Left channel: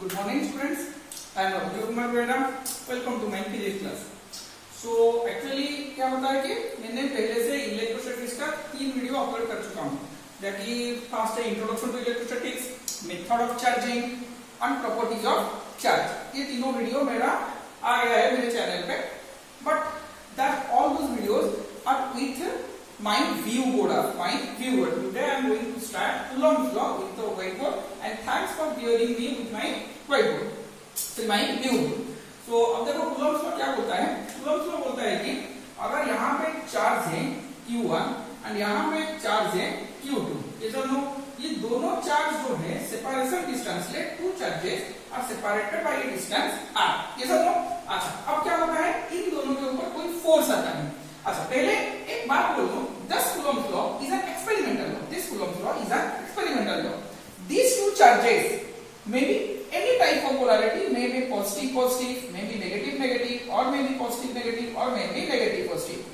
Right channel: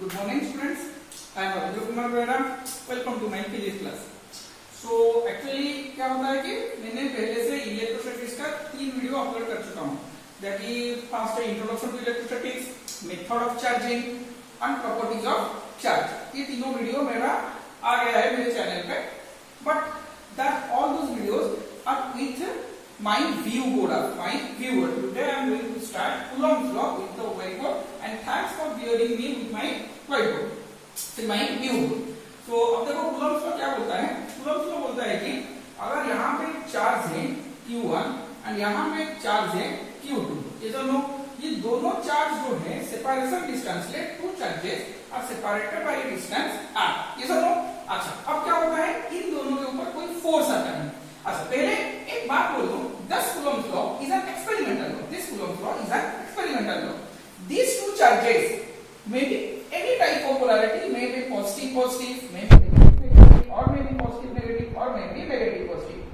Good morning students. I am Abdul Kumar Bera. Welcome to my physics class. So actually क्या होता है कि मैंने पहले से इलेक्ट्रोस्टैटिक्स का 3 वीडियो अपलोड कर चुका हूँ. That is first introduction to electrostatics, method of charging and properties of charge. ये तीनों वीडियो मेरा आ गया है मेरे चैनल पे. But that all those videos are with my view board of my viewer. Today I am going to start Coulomb's law with the whiteboard and thanks for bearing me with my whiteboard. So my view board. So अब देखो Coulomb's law क्या बोलता है? Coulomb's law बोलता है कि अगर यहाँ पे चार्ज है Q1 और यहाँ पे चार्ज है Q2, ये दोनों चार्ज जो है separation distance let two charges are separated by a distance r. ये समझो. अच्छा अब क्या होता है इन दोनों के ऊपर कोई फोर्स आता है. अच्छा पहले एक बात बोल दूं, this Coulomb's law is an experimental law. This Coulomb's law is an experimental law. These two charges may be any type of polarity, may be positive positive, may be negative negative, or may be positive negative, or may be negative positive.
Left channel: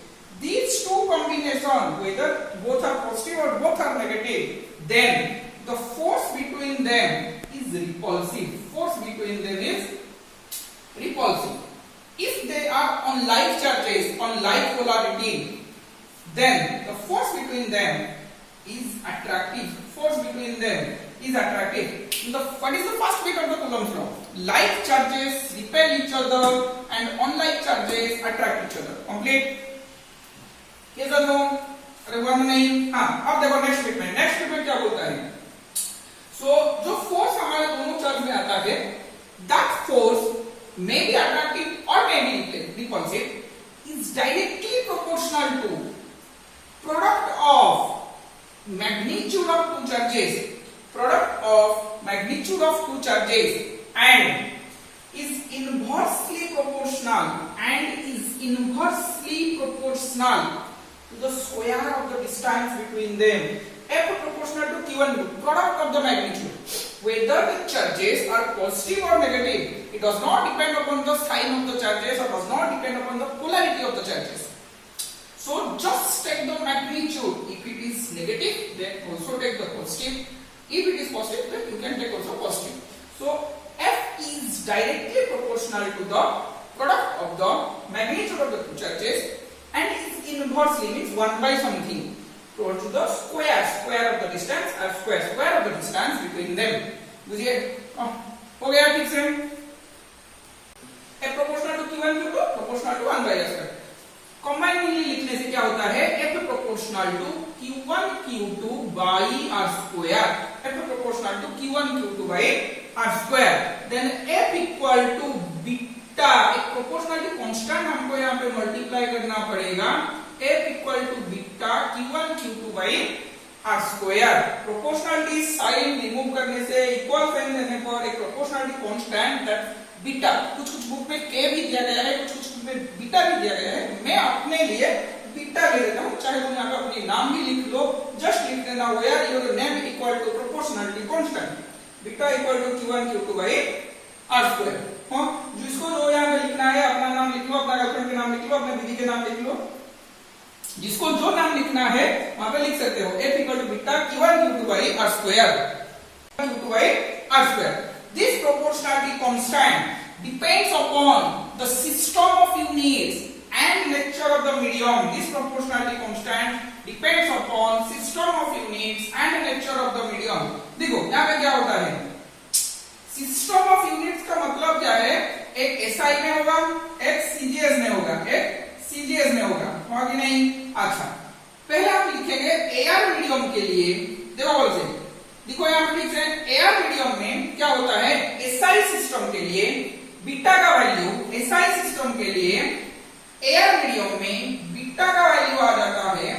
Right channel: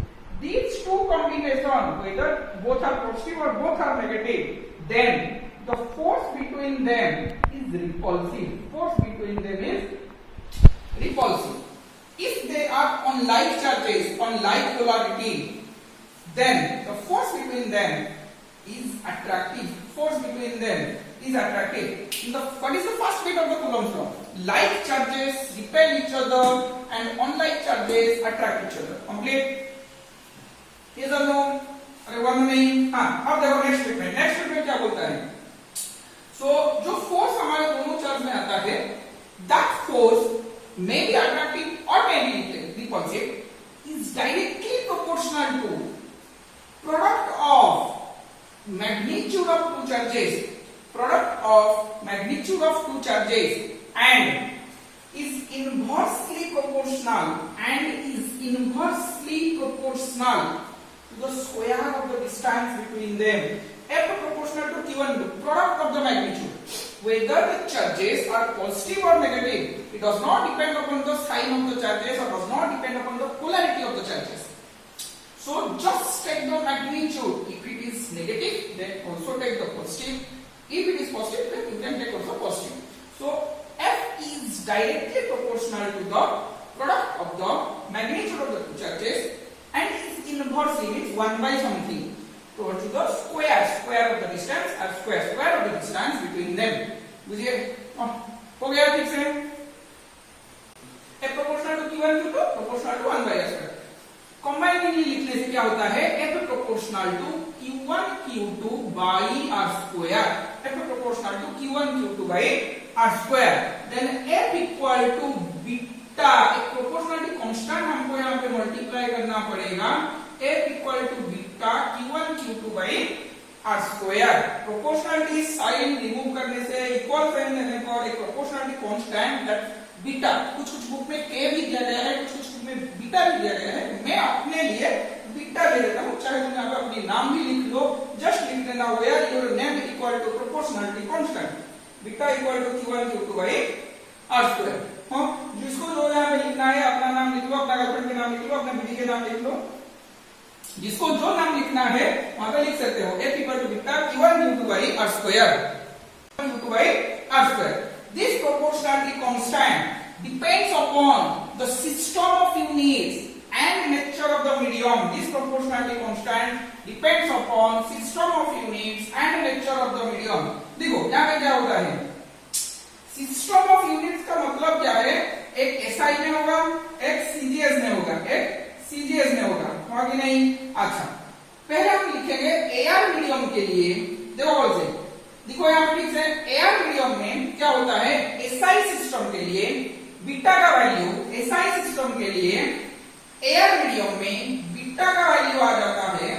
These two combination, whether both are positive or both are negative, then the force between them is repulsive. Force between them is repulsive. If they are on like charges, on like polarity, then the force between them is attractive. Force between them is attractive. What is the first bit of the Coulomb's law? Like charges repel each other and unlike charges attract each other. Complete? Yes or no? अरे one नहीं. हाँ अब देखो next statement. Next statement क्या बोलता है? So जो force हमारे दोनों चार्ज में आता है, that force may be attractive or may be repulsive, is directly proportional to product of magnitude of two charges, and is inversely proportional to the square of the distance between them. F proportional to Q1, product of the magnitude. Whether the charges are positive or negative, it does not depend upon the sign of the charges or does not depend upon the polarity of the charges. So just take the magnitude. If it is negative, then also take the positive. If it is positive, then you can take also positive. So F is directly proportional to the product of the magnitude of the two charges and is inversely means 1 by something to the square of the distance or square of the distance between them. बुझिए? हो गया ठीक से? F proportional to Q1 Q2 proportional to 1 by S square. Combinedly लिखने से क्या होता है? F proportional to Q1 Q2 by R square. F proportional to Q1 Q2 by R square. Then F equal to beta. एक proportionality constant हमको यहाँ पे multiply करना पड़ेगा. F equal to beta Q1 Q2 by R square. Proportionality sign remove करने से equal sign देने पर एक प्रोपोर्शनलिटी कांस्टेंट दैट बीटा, कुछ बुक में k भी दिया गया है, कुछ बुक में बीटा भी दिया गया है. मैं अपने लिए बीटा ले लेता हूँ. चाहे तुम यहाँ पे अपनी नाम भी लिख लो, जस्ट लिख देना where your name equal to proportionality constant. Beta equal to Q1 Q2 by R square. हाँ, जिसको जो यहाँ पे लिखना है अपना नाम लिख लो, अपना गर्लफ्रेंड के नाम लिख लो, अपने बीवी के नाम लिख लो. जिसको जो नाम लिखना है वहां पे लिख सकते हो. F equal to beta Q1 Q2 by R square. Q2 by R square. This proportionality constant depends upon the system of units and nature of the medium. This proportionality constant depends upon system of units and nature of the medium. देखो यहाँ पे क्या होता है? System of units का मतलब क्या है? एक SI में होगा, एक CGS में होगा, एक CGS में होगा. होगा कि नहीं? अच्छा पहले हम लिखेंगे एआर मीडियम के लिए. देखो बोल से देखो यहाँ पे लिख रहे हैं एआर मीडियम में क्या होता है? SI सिस्टम के लिए बीटा का वैल्यू, SI सिस्टम के लिए एआर मीडियम में बीटा का वैल्यू आ जाता है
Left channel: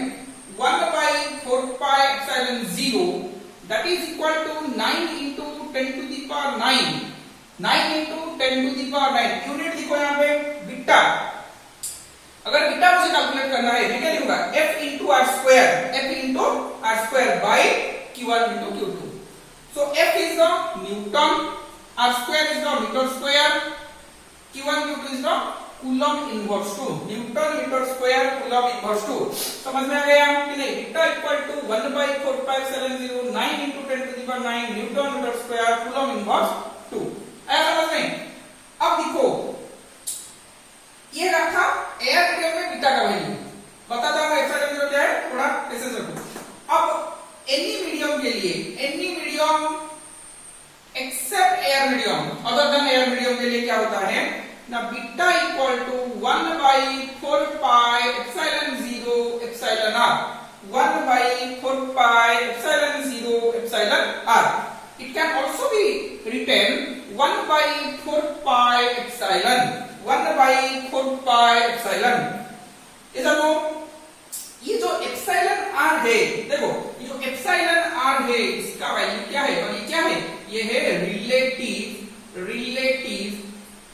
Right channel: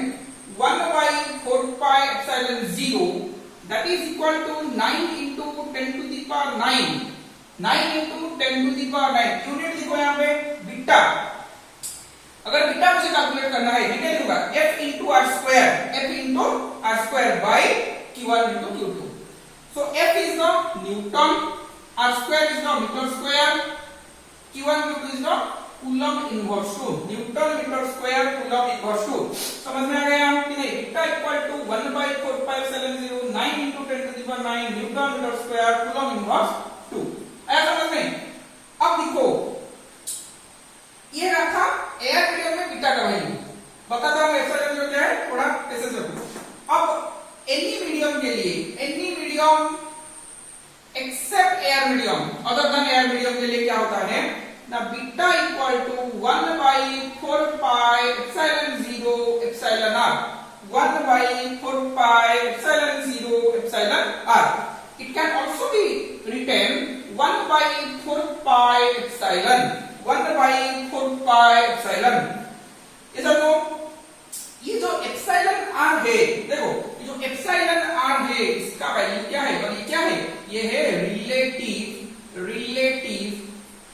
1 by 4 pi epsilon 0. That is equal to 9 into 10 to the power 9. 9 into 10 to the power 9. Unit लिखो यहाँ पे बीटा. अगर बीटा मुझे कैलकुलेट करना है, बीटा लिखूंगा F into R square. F into R square by Q1 into Q2. So F is the Newton, R square is the meter square, Q1 Q2 is the Coulomb inverse 2. Newton meter square Coulomb inverse 2. समझ में आ गया कि नहीं? Beta equal to 1 by 4 pi epsilon 0 9 into 10 to the power 9 Newton meter square Coulomb inverse 2. Air medium, other than air medium के लिए क्या होता है ना, beta equal to 1 by 4 pi epsilon 0 epsilon r, 1 by 4 pi epsilon 0 epsilon r. It can also be written 1 by 4 pi epsilon, 1 by 4 pi epsilon. इधर लो, ये जो epsilon r है, देखो ये जो एप्सिलॉन r है इसका वैल्यू क्या है, और ये क्या है, ये है relative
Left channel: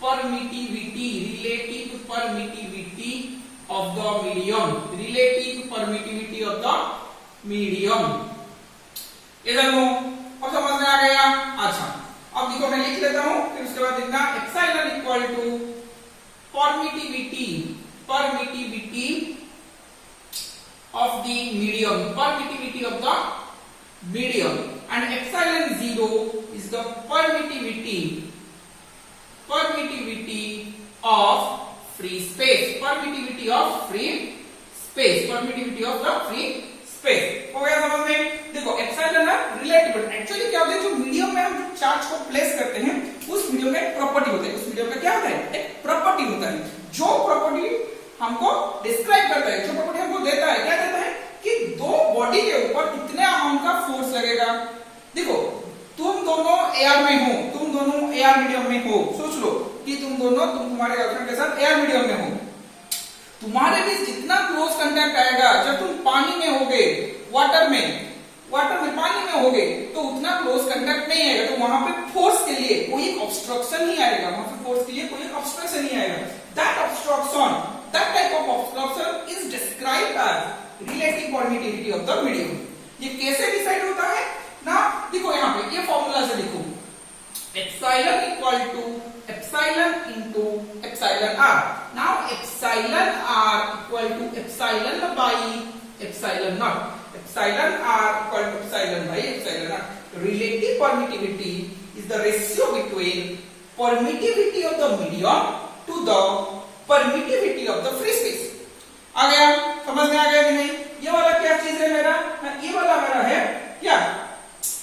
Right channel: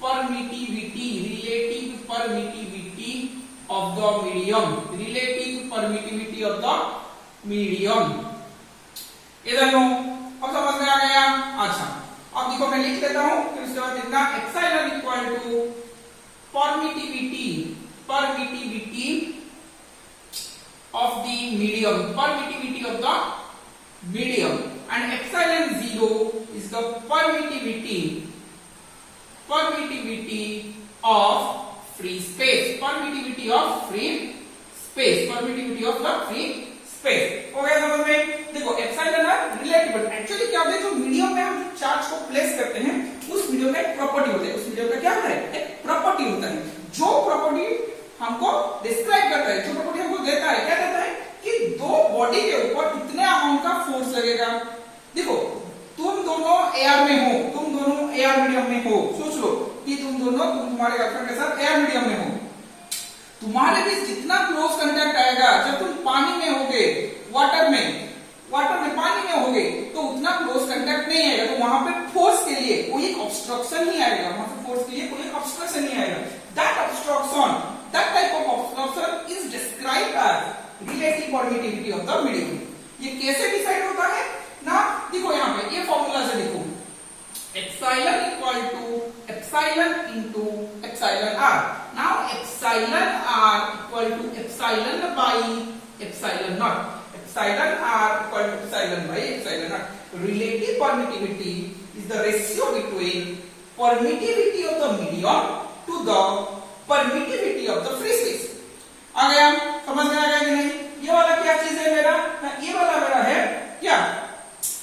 permittivity of the medium, relative permittivity of the medium. इधर लो, अब समझ में आ गया. अच्छा, अब देखो मैं लिख लेता हूं, फिर उसके बाद लिखना epsilon equal to permittivity of the medium, permittivity of the medium, and epsilon 0 is the permittivity of free space, permittivity of the free space. हो गया समझ में. देखो एप्सिलॉन है रिलेटिव, एक्चुअली क्या होता है, जो मीडियम में हम चार्ज को प्लेस करते हैं उस मीडियम में एक प्रॉपर्टी होती है, उस मीडियम में क्या होता है, एक प्रॉपर्टी होता है, जो प्रॉपर्टी हमको डिस्क्राइब करता है, जो प्रॉपर्टी हमको देता है, क्या देता है कि दो बॉडी के ऊपर कितने अमाउंट का फोर्स लगेगा. देखो तुम दोनों एयर में हो, तुम दोनों एयर मीडियम में हो, सोच लो कि तुम तुम्हारे गर्लफ्रेंड के साथ एयर मीडियम में हो, तुम्हारे बीच जितना क्लोज कांटेक्ट आएगा, जब तुम पानी में होगे, वाटर में पानी में होगे, तो उतना क्लोज कांटेक्ट नहीं आएगा, तो वहां पे फोर्स के लिए कोई ऑब्स्ट्रक्शन ही आएगा, वहां पे फोर्स के लिए कोई ऑब्स्ट्रक्शन ही आएगा. That type of obstruction is described as relative permittivity of the medium. ये कैसे डिसाइड होता है ना, देखो यहाँ पे ये फॉर्मूला से देखो, epsilon equal to epsilon into epsilon r. Now epsilon r equal to epsilon by epsilon not, epsilon r equal to epsilon by epsilon not. Relative permittivity is the ratio between permittivity of the medium to the permittivity of the free space. आ गया, समझ में आ गया कि नहीं. ये वाला क्या चीज है मेरा, ये वाला मेरा है क्या,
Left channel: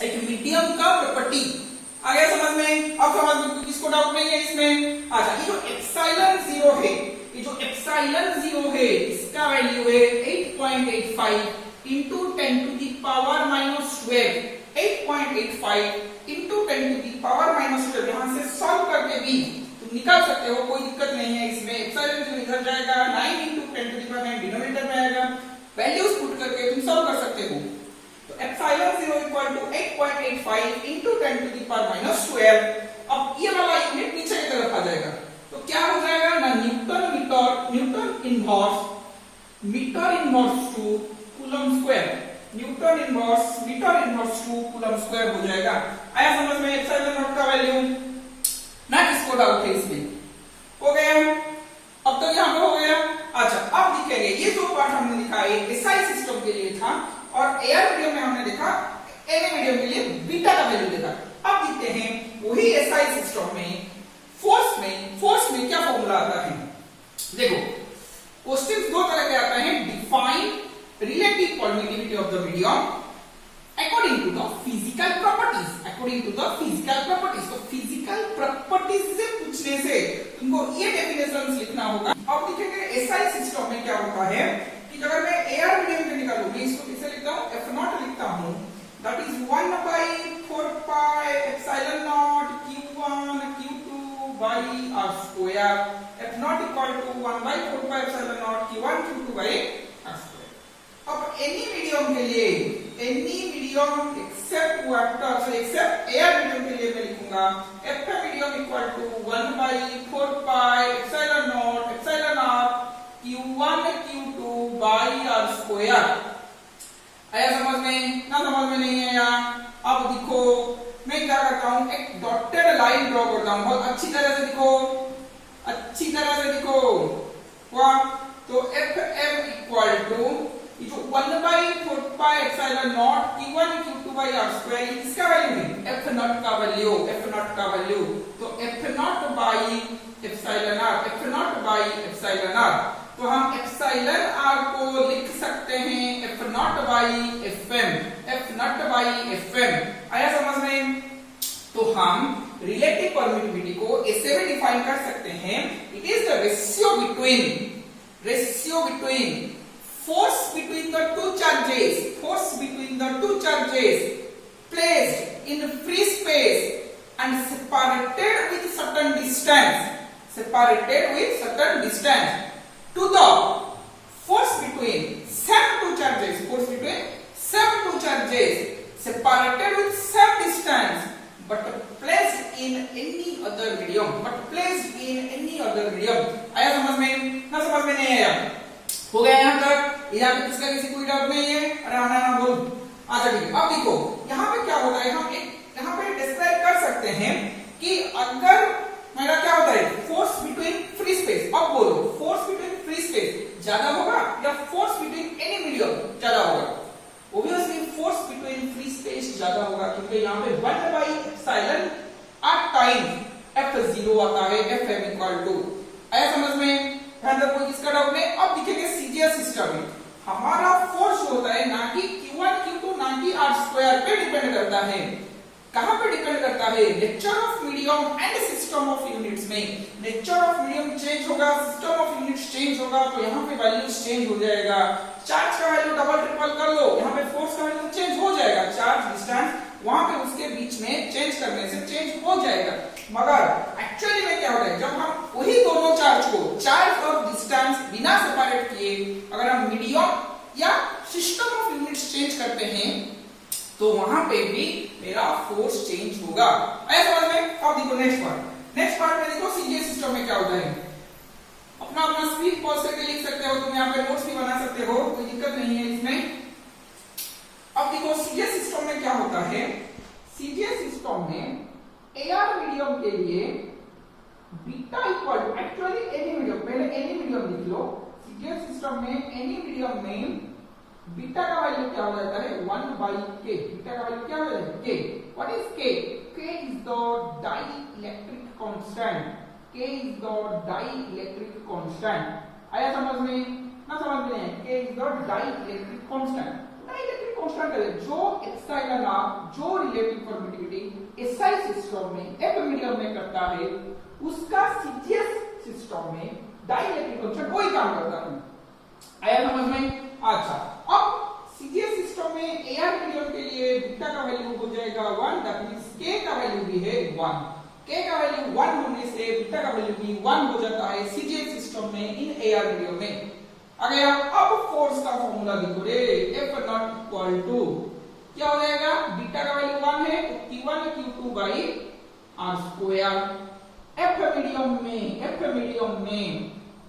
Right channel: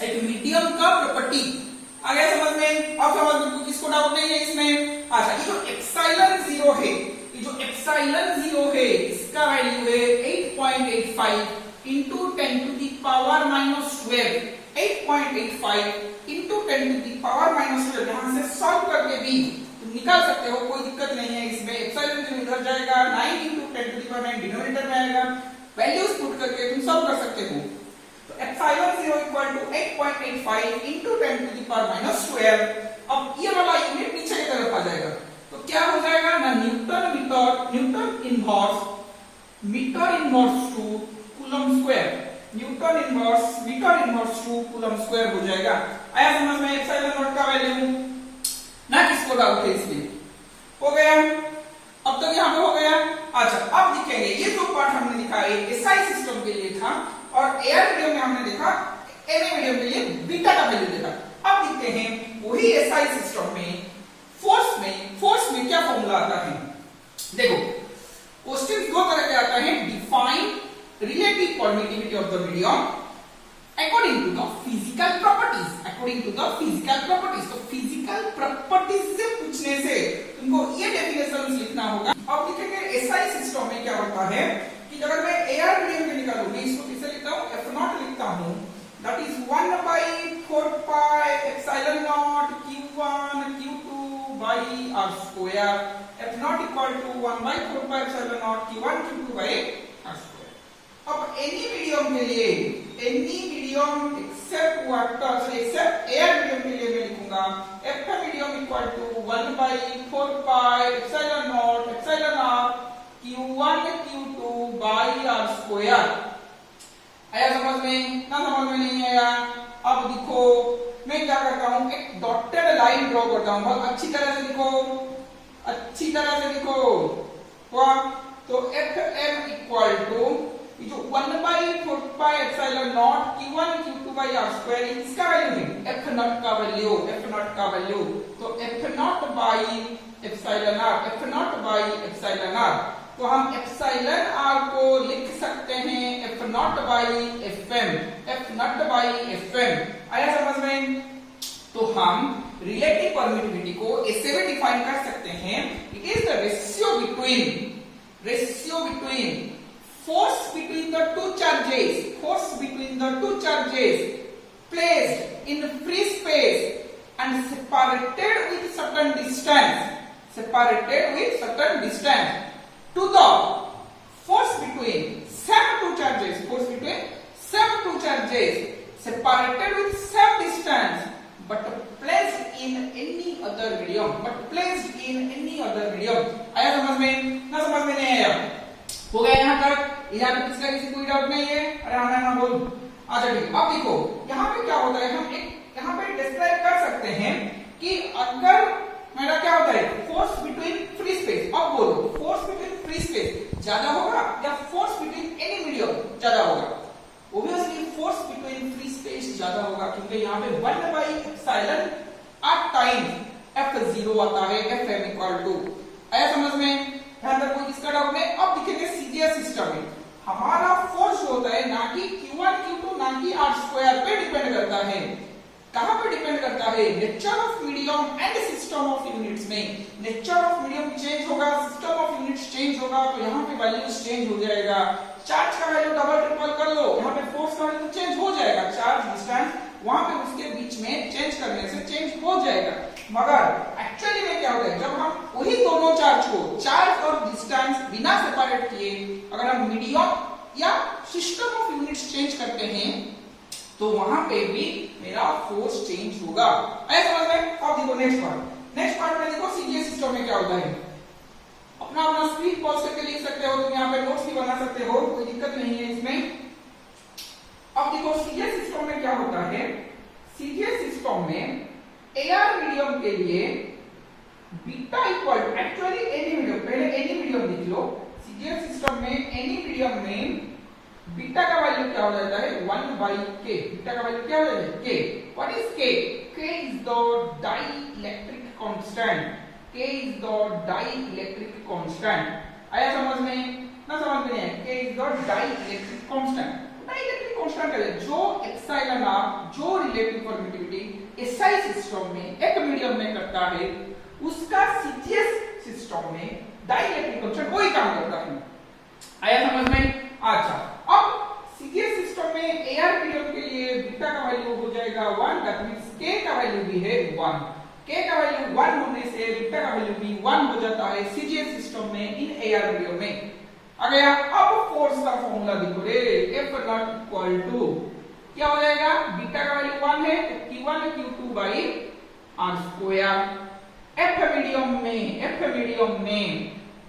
एक मीडियम का प्रॉपर्टी. आ गया समझ में. अब समझ में किसको डाउट नहीं है इसमें. अच्छा, ये जो एप्सिलॉन 0 है, ये जो एप्सिलॉन 0 है इसका वैल्यू है 8.85 into 10 to the power minus 12. 8.85 into 10 to the power minus 12. यहां से सॉल्व करके भी निकाल सकते हो, कोई दिक्कत नहीं है इसमें. एप्सिलॉन 0 इधर जाएगा, 9 into 10 to the power 9 denominator में आएगा, वैल्यूज पुट करके तुम सॉल्व कर सकते हो. तो epsilon 0 equal to 8.85 into 10 to the power minus 12. अब ये वाला यूनिट नीचे की तरफ आ जाएगा, तो क्या हो जाएगा ना, newton inverse to coulomb square, metre inverse to coulomb square हो जाएगा. आया समझ में एप्सिलॉन नॉट का वैल्यू. ना किसको डाउट है इसमें. हो गया, अब तक यहाँ पे हो गया. अच्छा, अब दिखेंगे ये जो पार्ट हमने दिखा है एसआई सिस्टम के लिए था, और एयर मीडियम में हमने देखा, एनए मीडियम के लिए बीटा का वैल्यू देखा. अब दिखते हैं वही एसआई सिस्टम में फोर्स में क्या फॉर्मूला आता है. देखो क्वेश्चन दो तरह के आता है, define relative permittivity of the medium according to the physical properties. तो फिजिकल प्रॉपर्टीज से पूछने से तुमको ये डेफिनेशन लिखना होगा. अब देखेंगे एसआई सिस्टम में क्या होता है कि अगर मैं एयर मीडियम के निकालूं, मैं इसको किससे लिखता हूं, F0 लिखता हूं, that is 1 by 4 pi epsilon naught q1 q2 by r square. F0 equal to 1 by 4 pi epsilon naught q1 q2 by r square. अब एनी मीडियम के लिए, except water, except air medium के लिए मैं लिखूंगा F medium equal to 1 by 4 pi epsilon naught epsilon r q1 q2 by r square. आया समझ में ना, समझ में नहीं आया. अब देखो मैं क्या करता हूं, एक डॉटेड लाइन ड्रॉ करता हूं, बहुत अच्छी तरह से देखो हुआ. तो एफ एम इक्वल टू जो 1 by 4 pi epsilon naught q1 q2 by r square, इसका वैल्यू है f0 का वैल्यू. तो f0 by epsilon r, तो हम epsilon r को लिख सकते हैं f0 by fm. आया समझ में. तो हम रिलेटिव परमिटिविटी को ऐसे भी डिफाइन कर सकते हैं, it is the ratio between force between the two charges placed in free space and separated with certain distance to the force between same two charges separated with same distance but placed in any other medium आया समझ में? ना समझ में नहीं आया? हो गया यहाँ तक? यहाँ पे किसका किसी कोई डाउट नहीं है? अरे हाँ ना बोल। अच्छा ठीक है, अब देखो यहाँ पे क्या होता है, हम एक यहाँ पे डिस्क्राइब कर सकते हैं कि अगर मेरा क्या होता है फोर्स बिटवीन फ्री स्पेस। अब बोलो फोर्स बिटवीन फ्री स्पेस ज्यादा होगा या फोर्स बिटवीन एनी मीडियम ज्यादा होगा? Obviously force between free space ज्यादा होगा, क्योंकि यहाँ पे 1/एप्सिलॉन एट टाइम F0 आता है, Fm इक्वल टू। आया समझ में? ध्यान रखो, कोई इसका डाउट नहीं। अब दिखेंगे सीजीएस सिस्टम में हमारा फोर्स होता है ना कि Q1 Q2 ना कि R² पे डिपेंड करता है। कहां पे डिपेंड करता है? Nature of medium and system of units में। नेचर ऑफ मीडियम चेंज होगा, सिस्टम ऑफ यूनिट्स चेंज होगा, तो यहाँ पे वैल्यूज चेंज हो जाएगा। चार्ज का वैल्यू डबल ट्रिपल कर लो, यहाँ पे फोर्स का वैल्यू चेंज हो जाएगा। चार्ज डिस्टेंस वहां पे उसके बीच में चेंज करने से चेंज हो जाएगा। मगर एक्चुअली में क्या होता है, जब हम वही दोनों चार्ज को चार्ज और डिस्टेंस बिना सेपरेट किए अगर हम मीडियम या सिस्टम ऑफ यूनिट्स चेंज करते हैं तो वहां पे भी मेरा फोर्स चेंज होगा। ऐसा समझ में? अब देखो नेक्स्ट पार्ट में देखो सीजीएस सिस्टम में क्या होता है। अपना स्पीड पॉज करके लिख सकते हो, तुम यहाँ पे नोट्स भी बना सकते हो, कोई दिक्कत नहीं है इसमें। अब देखो सीजीएस सिस्टम में क्या होता है। सीजीएस सिस्टम में एआर मीडियम के लिए beta equal to actually any medium, पहले एनी मीडियम लिख लो। सीजीएस सिस्टम में एनी मीडियम में बीटा का वैल्यू क्या हो जाता है 1/k। बीटा का वैल्यू क्या हो जाता है k। What is k? k is the dielectric constant. k is the dielectric constant. आया समझ में? ना समझ में है? k is the dielectric constant. Dielectric constant है जो एप्सिलॉन r जो रिलेटिव परमिटिविटी एसआई सिस्टम में एक मीडियम में करता है, उसका सीजीएस सिस्टम में डाइलेक्ट्रिक कांस्टेंट वही काम करता है। आया समझ में? अच्छा, अब सीजीएस सिस्टम में एआर मीडियम के लिए बीटा का वैल्यू हो जाएगा 1, दैट मींस k का वैल्यू भी है 1। k का वैल्यू 1 होने से बीटा का वैल्यू भी 1 हो जाता है सीजीएस सिस्टम में इन एआर मीडियम में। आ गया। अब फोर्स का फार्मूला देखो रे, F नॉट इक्वल टू क्या हो जाएगा? बीटा का वैल्यू 1 है तो Q1 Q2 by R²। F medium में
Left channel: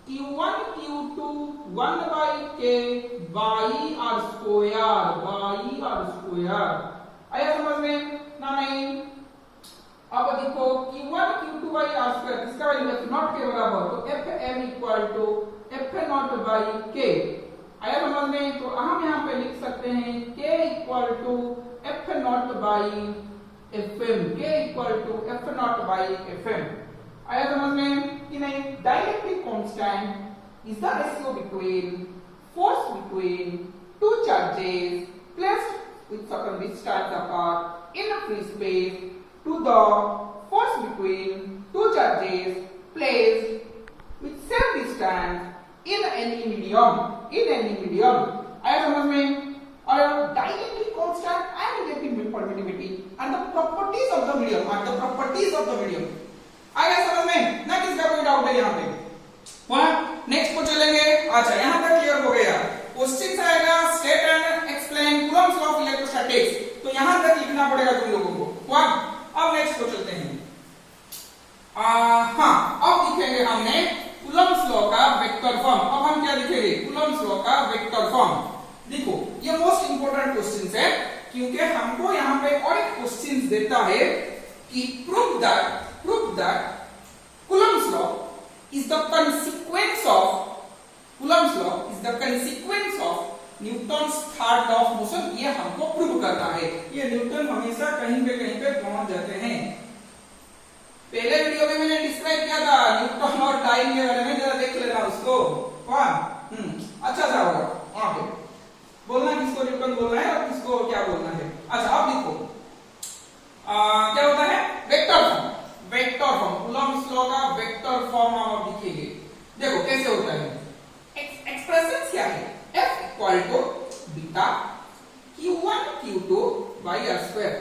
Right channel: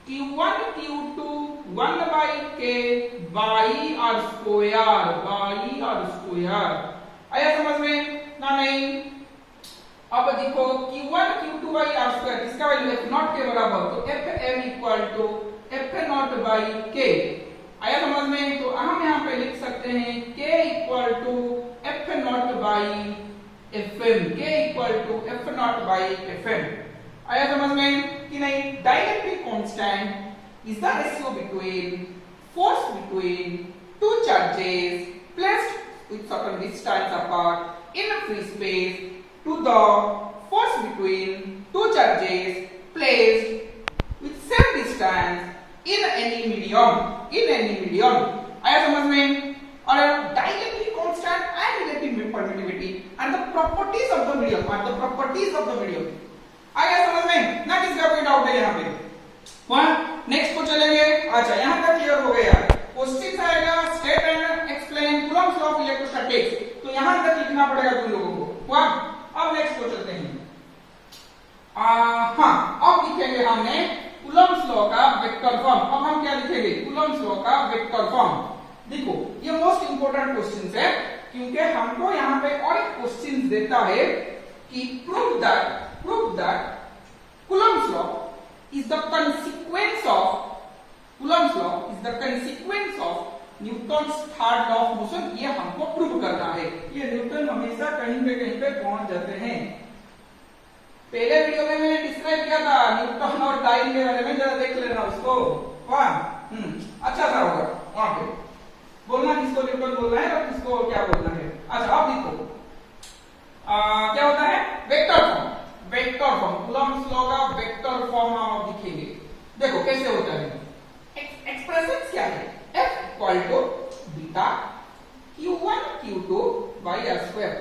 Q1 Q2 1/k by R²। आया समझ में? ना नहीं? अब देखो Q1 Q2 by R² इसका वैल्यू F0 के बराबर, तो Fm इक्वल टू F0/k। आया समझ में? तो हम यहाँ पे लिख सकते हैं k equal to F0/Fm। k equal to F0/Fm। आया समझ में कि नहीं? Dielectric constant is the ratio between force between two charges placed with certain distance apart in a free space to the force between two charges placed with same distance in any medium। आया समझ में? और dielectric constant and relative permittivity and the properties of the medium आया समझ में? ना किसका कोई डाउट है यहाँ पे? नेक्स्ट को चलेंगे। अच्छा, यहाँ तक क्लियर हो गया। क्वेश्चन आएगा state and explain Coulomb's law of electrostatics, तो यहाँ तक लिखना पड़ेगा तुम लोगों को। अब नेक्स्ट को चलते हैं। हाँ, अब लिखेंगे हमने कूलम्ब्स लॉ का वेक्टर फॉर्म। अब हम क्या लिखेंगे? कूलम्ब्स लॉ का वेक्टर फॉर्म। देखो ये मोस्ट इंपोर्टेंट क्वेश्चन है, क्योंकि हमको यहाँ पे और एक क्वेश्चन देता है कि prove that Coulomb's law is the consequence of Newton's third law of motion. ये हमको प्रूव करना है। ये न्यूटन हमेशा कहीं पे पहुंच जाते हैं। पहले वीडियो में मैंने डिस्क्राइब किया था न्यूटन और टाइम के बारे में, जरा देख लेना उसको। अच्छा था होगा वहां पे बोलना किसको न्यूटन बोलना है और किसको क्या बोलना है। अच्छा, अब देखो क्या होता है वेक्टर फॉर्म। लॉ का वेक्टर फॉर्म हम अब लिखेंगे। देखो कैसे होता है, एक्सप्रेशन क्या है, F equal to beta Q1 Q2 by r square,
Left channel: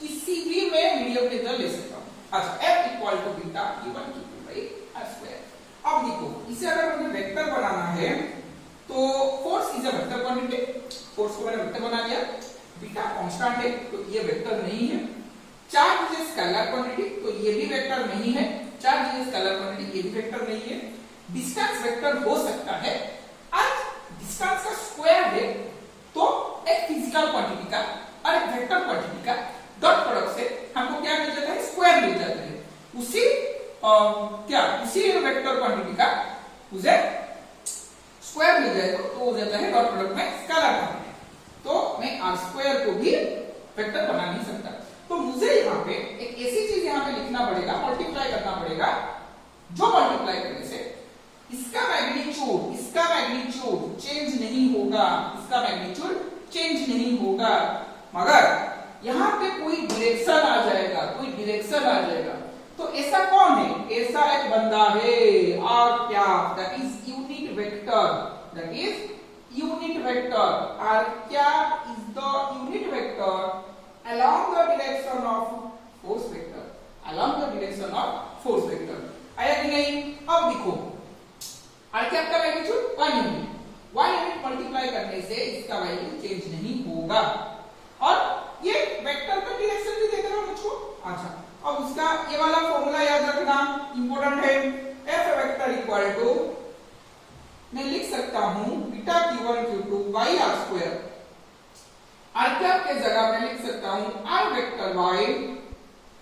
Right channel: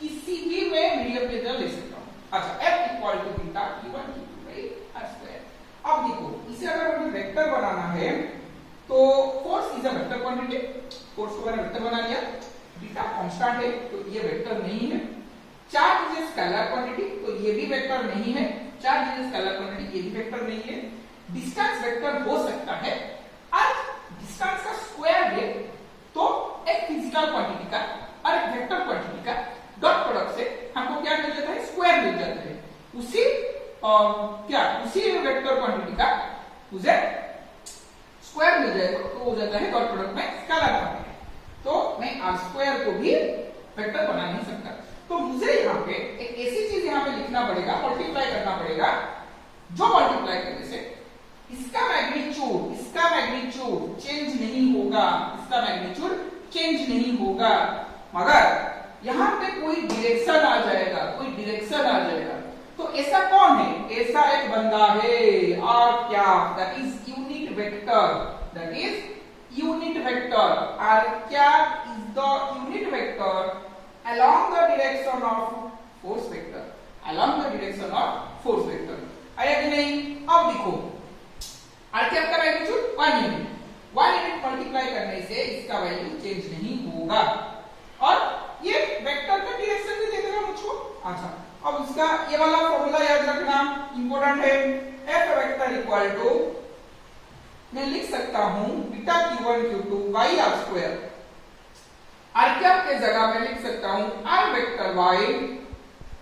किसी भी मैं मीडियम के अंदर ले सकता हूं। अच्छा, F equal to beta Q1 Q2 by r square. अब देखो इसे अगर मुझे वेक्टर बनाना है तो force is a vector quantity, force को मैंने वेक्टर बना लिया, बीटा कांस्टेंट है तो ये वेक्टर नहीं है, चार्ज इज स्केलर क्वांटिटी तो ये भी वेक्टर नहीं है, चार्ज इज स्केलर क्वांटिटी ये भी वेक्टर नहीं है, डिस्टेंस वेक्टर हो सकता है, आज डिस्टेंस का स्क्वायर है तो एक फिजिकल क्वांटिटी का और एक वेक्टर क्वांटिटी का डॉट प्रोडक्ट से हमको क्या मिल जाता है, स्क्वायर मिल जाता है, उसी वेक्टर क्वांटिटी का मुझे स्क्वायर मिल जाए तो हो जाता है डॉट प्रोडक्ट में स्केलर फॉर्म। तो मैं आर स्क्वायर को भी वेक्टर बना नहीं सकता, तो मुझे यहाँ पे एक ऐसी चीज यहाँ पे लिखना पड़ेगा, मल्टीप्लाई करना पड़ेगा, जो मल्टीप्लाई करने से इसका मैग्नीट्यूड चेंज नहीं होगा, इसका मैग्नीट्यूड चेंज नहीं होगा, मगर यहाँ पे कोई डायरेक्शन आ जाएगा, तो ऐसा कौन है, ऐसा एक बंदा है और क्या, दैट इज यूनिट वेक्टर, और क्या is the unit vector along the direction of force vector, आया कि नहीं। अब देखो आर क्या का मैग्नीट्यूड 1 यूनिट मल्टीप्लाई करने से इसका वैल्यू चेंज नहीं होगा, और ये वेक्टर का डायरेक्शन भी दे देगा मुझको। अच्छा, अब उसका ये वाला फॉर्मूला याद रखना इंपॉर्टेंट है, F वेक्टर इक्वल टू मैं लिख सकता हूं beta Q1 Q2 by r square, r cap के जगह मैं लिख सकता हूं r vector by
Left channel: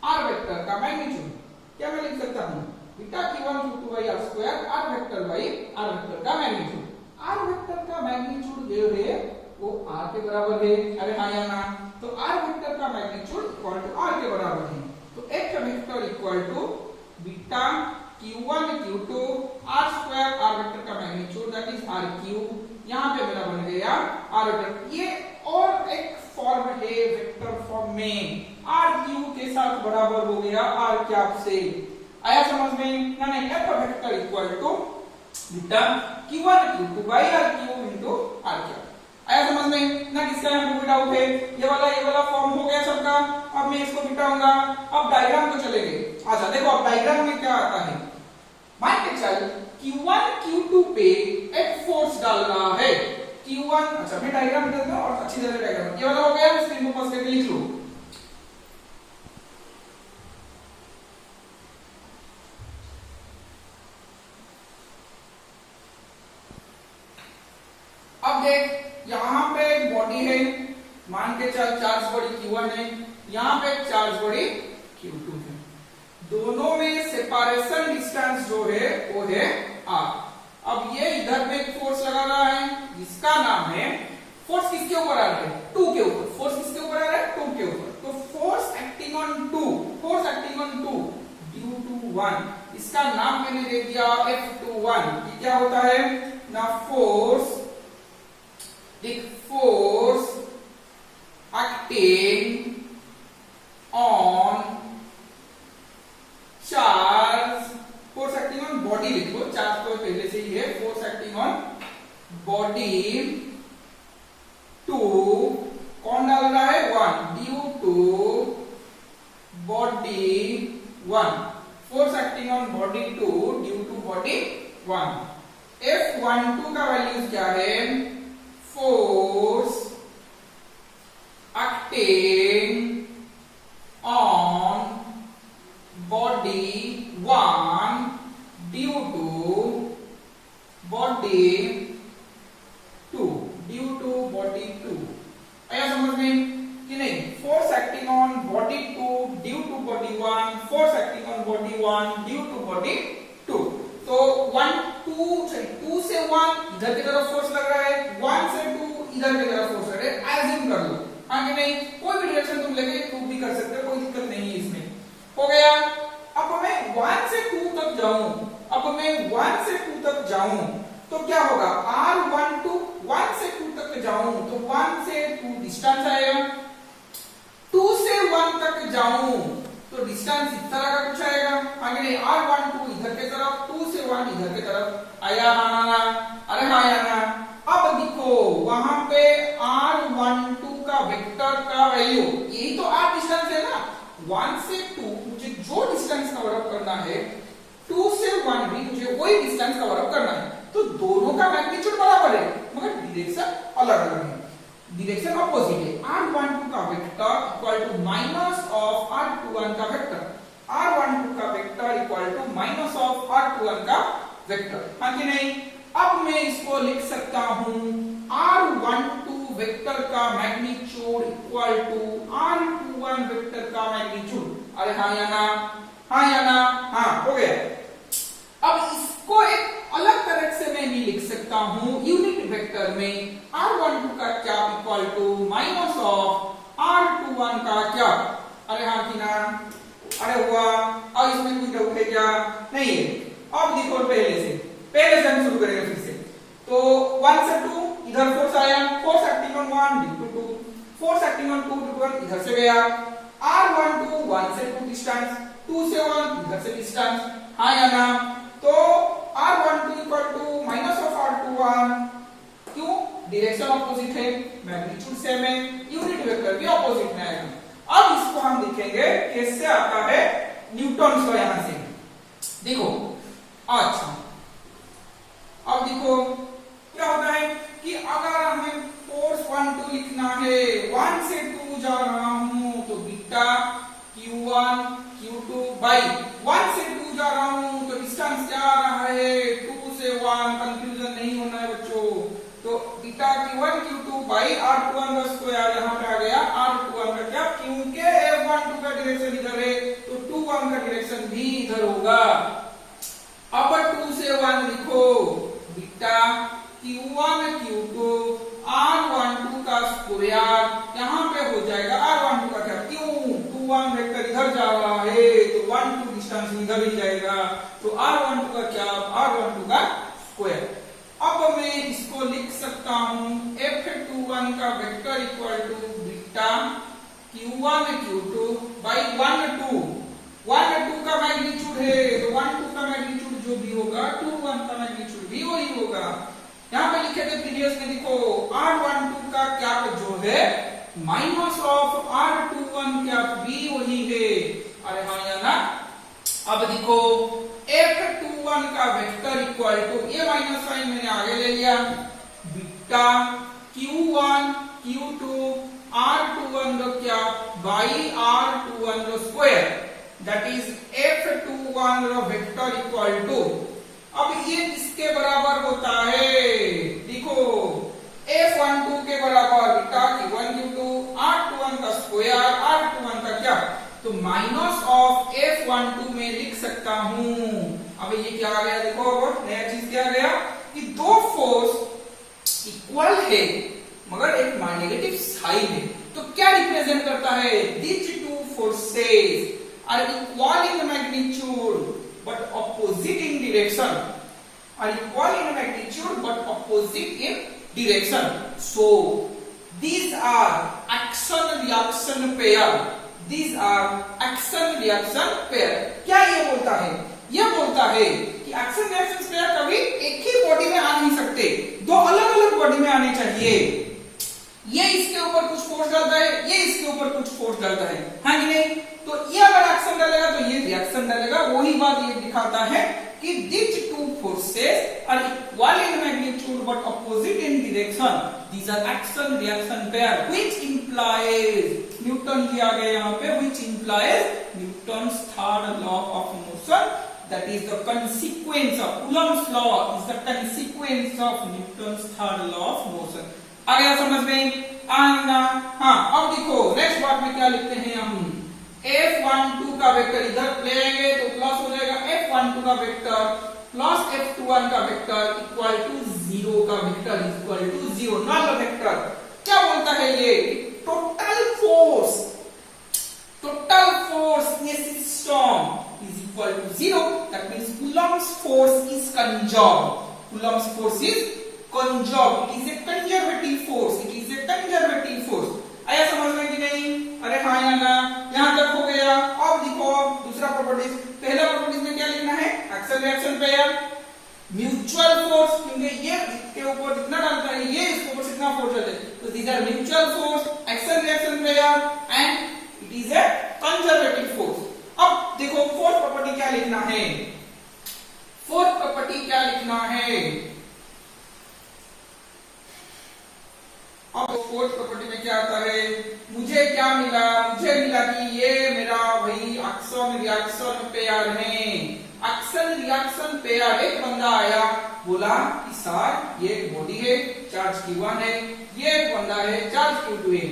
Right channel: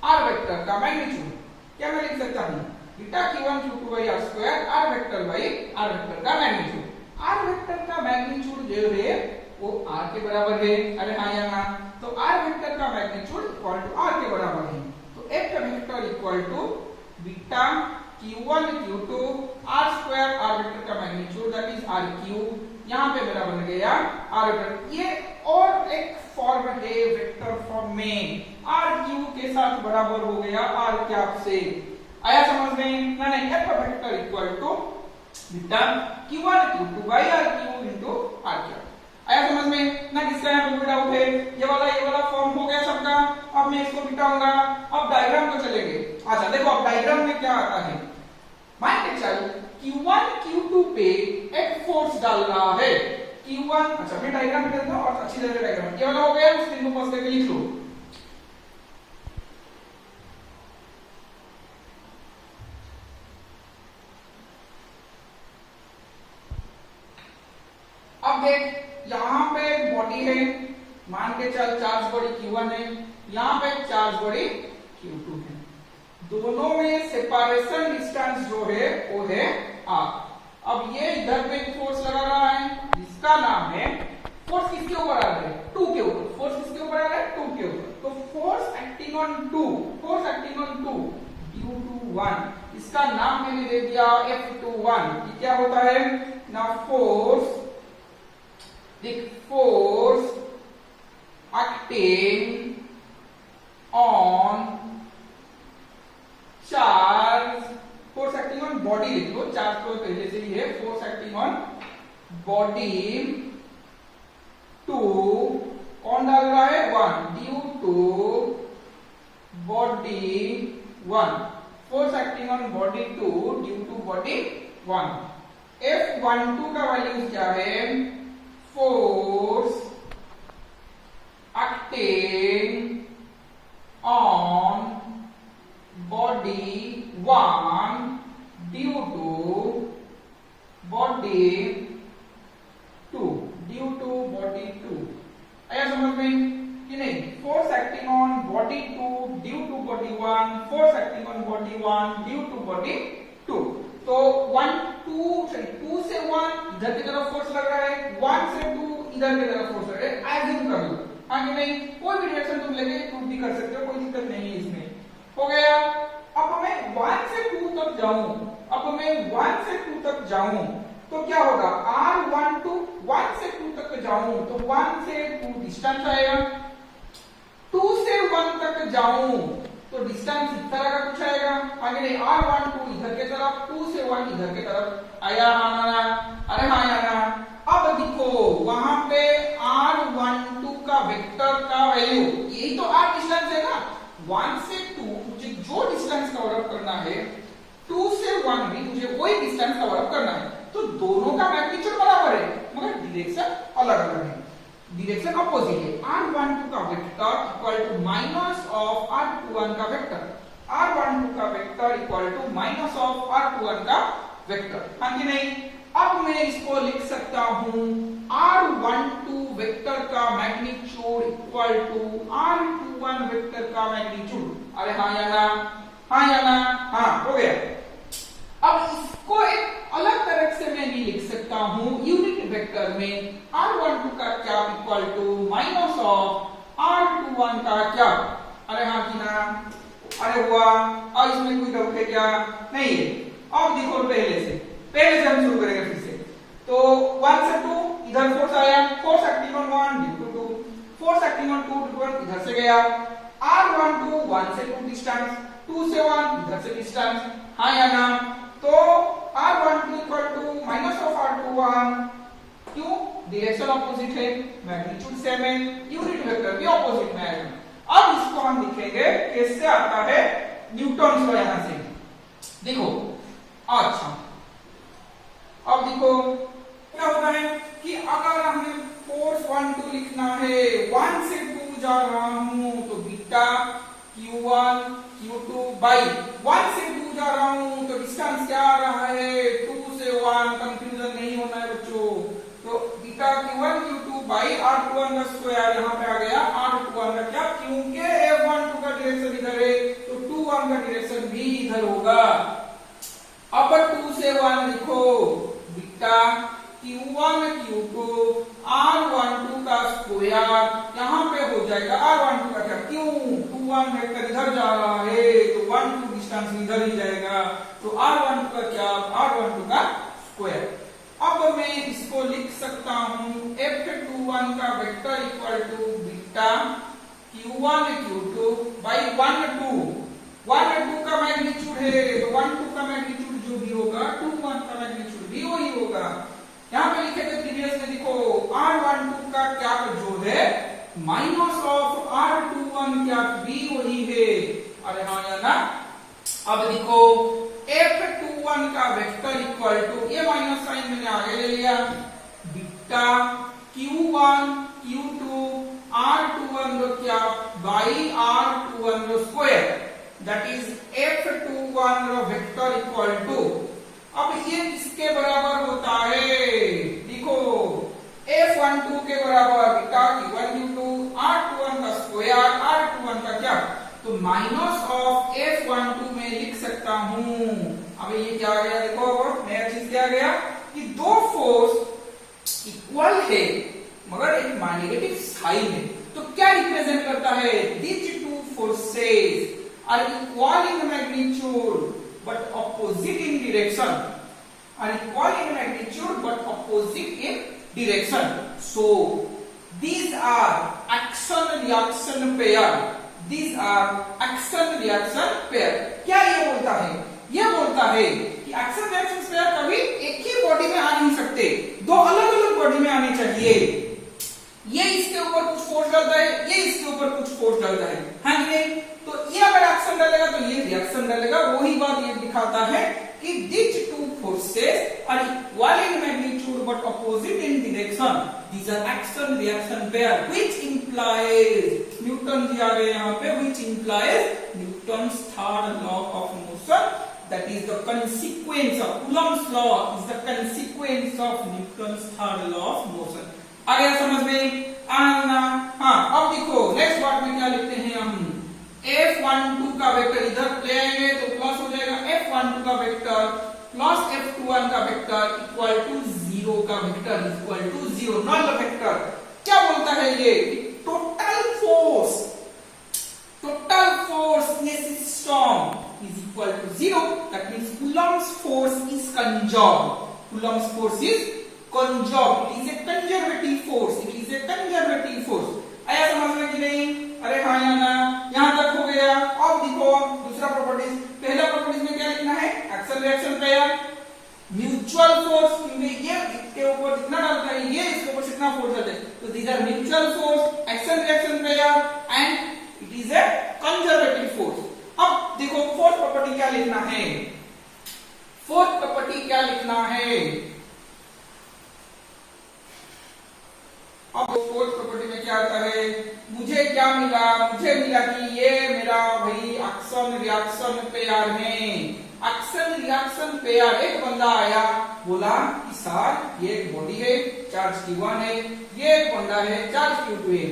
r vector का मैग्नीट्यूड, क्या मैं लिख सकता हूं beta Q1 Q2 by r square are vector by r vector का मैग्नीट्यूड, आर वेक्टर का मैग्नीट्यूड जो है वो आर के बराबर है, अरे हाँ या ना, तो आर वेक्टर का मैग्नीट्यूड इक्वल टू आर के बराबर है, तो F vector equal to beta Q1 Q2 R square are vector का magnitude that is R cube, यहाँ पे मेरा बन गया आर वेक्टर। ये और एक फॉर्म है वेक्टर फॉर्म में, आर क्यूब के साथ बराबर हो गया आर कैप से, आया समझ में ना, नहीं, F vector equal to beta Q1 Q2 by r cube into r cap, आया समझ में ना। किसका यहाँ पे बीटा उठे, ये वाला फॉर्म हो गया सबका, अब मैं इसको बिठाऊंगा, अब डायग्राम को चलेंगे। अच्छा देखो अब डायग्राम में क्या आता है, मान के चल Q1 Q2 पे एक फोर्स डाल रहा है, Q1, अच्छा मैं डायग्राम दे दूं और अच्छी तरह से डायग्राम, ये वाला हो गया, स्क्रीन को पास करके लिख लो। अब देख यहां पे एक बॉडी है, मान के चल चार्ज बॉडी Q1 है, यहां पे एक चार्ज बॉडी Q2 है, दोनों में सेपरेशन डिस्टेंस जो है वो है r। अब ये इधर पे एक फोर्स लगा रहा है जिसका नाम है, फोर्स किसके ऊपर आ रहा है, 2 के ऊपर, फोर्स किसके ऊपर आ रहा है, 2 के ऊपर, तो force acting on 2 due to 1, इसका नाम मैंने दे दिया F21। ये क्या होता है ना, force acting on charge, force acting on body लिख लो, चार्ज को पहले से ही है, force acting on body two कौन डाल रहा है, 1 due to body 1, force acting on body 2 due to body 1। F12 का वैल्यू क्या है, force acting on body 1 due to body 2, आया समझ में कि नहीं, force acting on body 2 due to body 1, force acting on body 1 due to body 2, तो 2 से 1 इधर की तरफ फोर्स लग रहा है, 1 से 2 इधर की तरफ फोर्स लग रहा है, एज्यूम कर लो, हाँ कि नहीं, कोई भी डायरेक्शन तुम लेके प्रूव भी कर सकते हो, कोई दिक्कत नहीं है इसमें, हो गया। अब मैं 1 से 2 तक जाऊं, तो क्या होगा, R12 1 से 2 तक जाऊं तो 1 से 2 डिस्टेंस आएगा, 2 से 1 तक जाऊं तो डिस्टेंस इस तरह का कुछ आएगा, आगे नहीं, R12 2 से 1 इधर की तरफ आया आना ना, अरे हाँ या ना। अब देखो वहां पे r12 का वेक्टर का वैल्यू, यही तो r डिस्टेंस है ना, 1 से 2 मुझे जो डिस्टेंस कवर अप करना है, 2 से 1 भी मुझे वही डिस्टेंस कवर अप करना है, तो दोनों का मैग्नीट्यूड बराबर है मगर डायरेक्शन अलग अलग है, डायरेक्शन अपोजिट है। r12 का vector equal to minus of r21 का वेक्टर, r12 का vector equal to minus of r21 का वेक्टर, हाँ कि नहीं। अब मैं इसको लिख सकता हूं r12 वेक्टर का magnitude equal to r21 vector का मैग्नीट्यूड, अरे हाँ या ना, हाँ या ना, हाँ हो गया। अब इसको एक अलग तरह से मैं भी लिख सकता हूं, यूनिट वेक्टर में r12 का क्या equal to minus of r21 का क्या, अरे हाँ कि ना, अरे हुआ। और इसमें कोई डाउट है क्या, नहीं है। अब देखो पहले से हम शुरू करेंगे फिर से, तो 1 से 2 इधर फोर्स आया, force acting on 1 due to 2, force acting on 2 due to 1 इधर से गया, r12 1 से 2 डिस्टेंस, 2 से 1 इधर से डिस्टेंस, हाँ या ना। तो r12 equal to minus of r21, क्यों, डायरेक्शन अपोजिट है, मैग्नीट्यूड सेम है, यूनिट वेक्टर भी अपोजिट में आएगा। अब इसको हम देखेंगे कैसे आता है न्यूटन का, यहां से देखो। अच्छा अब देखो क्या होता है कि अगर हमें फोर्स 1 2 लिखना है, 1 से 2 जा रहा हूं तो बीटा q1 q2 बाई 1 से 2 जा रहा हूं तो डिस्टेंस क्या आ रहा है, 2 से 1, कंफ्यूजन नहीं होना है बच्चों। तो beta q1 q2 by r21 का स्क्वायर यहाँ पे आ गया, r21 का क्या, क्योंकि f12 का डायरेक्शन इधर है तो 21 का डायरेक्शन भी इधर होगा। अब 2 से 1 लिखो, बीटा q1 q2 r12 का स्क्वायर यहाँ पे हो जाएगा, r12 का क्या, क्यों 21 वेक्टर इधर जा रहा है तो 1 2 डिस्टेंस इधर ही जाएगा, तो r12 का क्या, r12 का स्क्वायर। अब मैं इसको लिख सकता हूं f21 का vector equal to beta q1 q2 by 1 2, 1 2 का मैग्नीट्यूड है तो 1 2 का मैग्नीट्यूड जो भी होगा 2 1 का मैग्नीट्यूड भी वही होगा। यहाँ पे लिखे थे प्रीवियस में, देखो r12 का क्या जो है माइनस ऑफ r21 क्या भी वही है, अरे हाँ या ना। अब देखो f21 का वेक्टर इक्वल टू, ये माइनस साइन मैंने आगे ले लिया, बीटा q1 q2 r21 का क्या बाई r21 का स्क्वायर, दैट इज f21 का वेक्टर इक्वल टू, अब ये किसके बराबर होता है, देखो f12 के बराबर बीटा q1 q2 r21 का स्क्वायर, r21 का क्या, तो माइनस ऑफ f12 में लिख सकता हूं। अब ये क्या आ गया, देखो नया चीज क्या आ गया कि दो फोर्स इक्वल है मगर एक नेगेटिव साइन है, तो क्या रिप्रेजेंट करता है, these two forces are equal in magnitude but opposite in direction, are equal in magnitude but opposite in direction, so these are action reaction pair, these are action reaction pair। क्या ये बोलता है, ये बोलता है कि एक्शन रिएक्शन पेयर कभी एक ही बॉडी में आ नहीं सकते, दो अलग अलग बॉडी में आने चाहिए, ये इसके ऊपर कुछ फोर्स डालता है, ये इसके ऊपर कुछ फोर्स डालता है, हाँ कि नहीं। तो ये अगर एक्शन डालेगा तो ये रिएक्शन डालेगा, वही बात ये दिखाता है कि these two forces are equal in magnitude but opposite in direction, these are action reaction pair which implies Newton दिया गया यहाँ पे, which implies Newton's third law of motion, that is the consequence of Coulomb's law is the consequence of Newton's third law of motion। आ गया समझ में, आना। हाँ अब देखो नेक्स्ट पार्ट में क्या लिखते हैं हम, f12 का वेक्टर इधर ले आएंगे तो प्लस हो जाएगा, f12 का वेक्टर प्लस f21 का वेक्टर इक्वल टू 0 का vector equal to 0, not the vector. क्या बोलता है ये, total force in a system is equal to 0, that means Coulomb's force is conserved, Coulomb's force is conserved, it is a conservative force, it is a conservative force। आया समझ में कि नहीं, अरे हाँ या ना, यहां तक हो गया। अब देखो दूसरा प्रॉपर्टीज, पहला प्रॉपर्टीज में क्या लिखना है, action reaction pair, mutual force, क्योंकि ये इसके ऊपर जितना डालता है ये इसके ऊपर कितना फोर्स डालते हैं, तो these are mutual force, action reaction pair and it is a conservative force. अब देखो फोर्थ प्रॉपर्टी क्या लिखना है, फोर्थ प्रॉपर्टी क्या लिखना है। अब फोर्थ प्रॉपर्टी में क्या आता है, मुझे क्या मिला, मुझे मिला कि ये मेरा वही एक्शन रिएक्शन पेयर है। एक्शन रिएक्शन पेयर, एक बंदा आया बोला कि सर ये एक बॉडी है, चार्ज Q1 है, ये एक बंदा है, चार्ज Q2 है।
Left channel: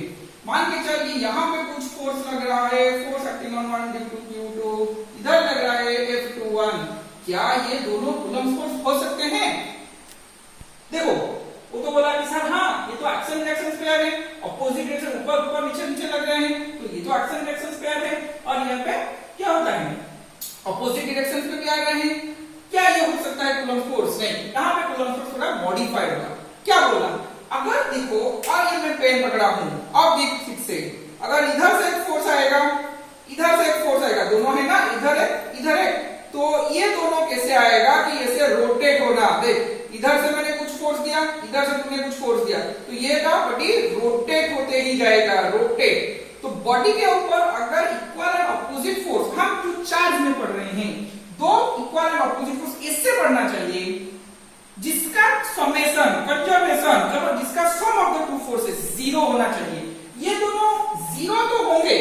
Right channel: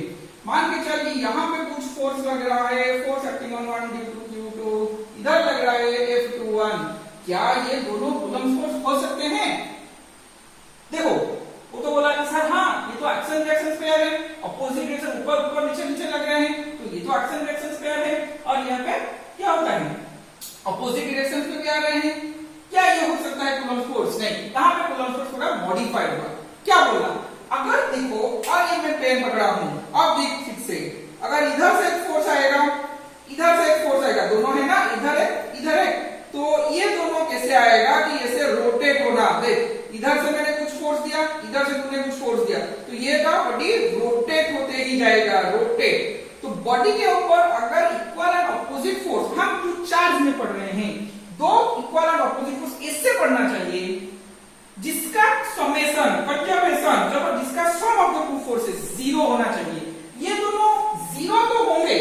मान के चलिए यहाँ पे कुछ फोर्स लग रहा है, force acting on 1 due to Q2, इधर लग रहा है F21। क्या ये दोनों कूलम्ब फोर्स हो सकते हैं? देखो वो तो बोला कि सर हाँ ये तो एक्शन रिएक्शन पेयर है, अपोजिट डायरेक्शन ऊपर ऊपर नीचे नीचे लग रहे हैं, तो ये तो एक्शन रिएक्शन पेयर है। और यहाँ पे क्या होता है, अपोजिट डायरेक्शन पे भी आ रहे हैं। क्या ये हो सकता है कूलम्ब फोर्स? नहीं, यहाँ पे कूलम्ब फोर्स थोड़ा मॉडिफाइड हुआ। क्या बोला, अगर देखो और ये मैं पेन पकड़ा हूं, अब देख ठीक से, अगर इधर से एक फोर्स आएगा, इधर से एक फोर्स आएगा, दोनों है ना, इधर है, तो ये दोनों कैसे आएगा कि ऐसे रोटेट होना। देख इधर से मैंने कुछ फोर्स दिया, इधर से तूने कुछ फोर्स दिया, तो ये का बॉडी रोटेट होते ही जाएगा, रोटेट। तो बॉडी के ऊपर अगर इक्वल एंड ऑपोजिट फोर्स, हम जो चार्ज में पढ़ रहे हैं, दो इक्वल एंड ऑपोजिट फोर्स इससे पढ़ना चाहिए जिसका समेशन कंजर्वेशन, जब जिसका सम ऑफ द टू फोर्सेस 0 होना चाहिए। ये दोनों 0 तो होंगे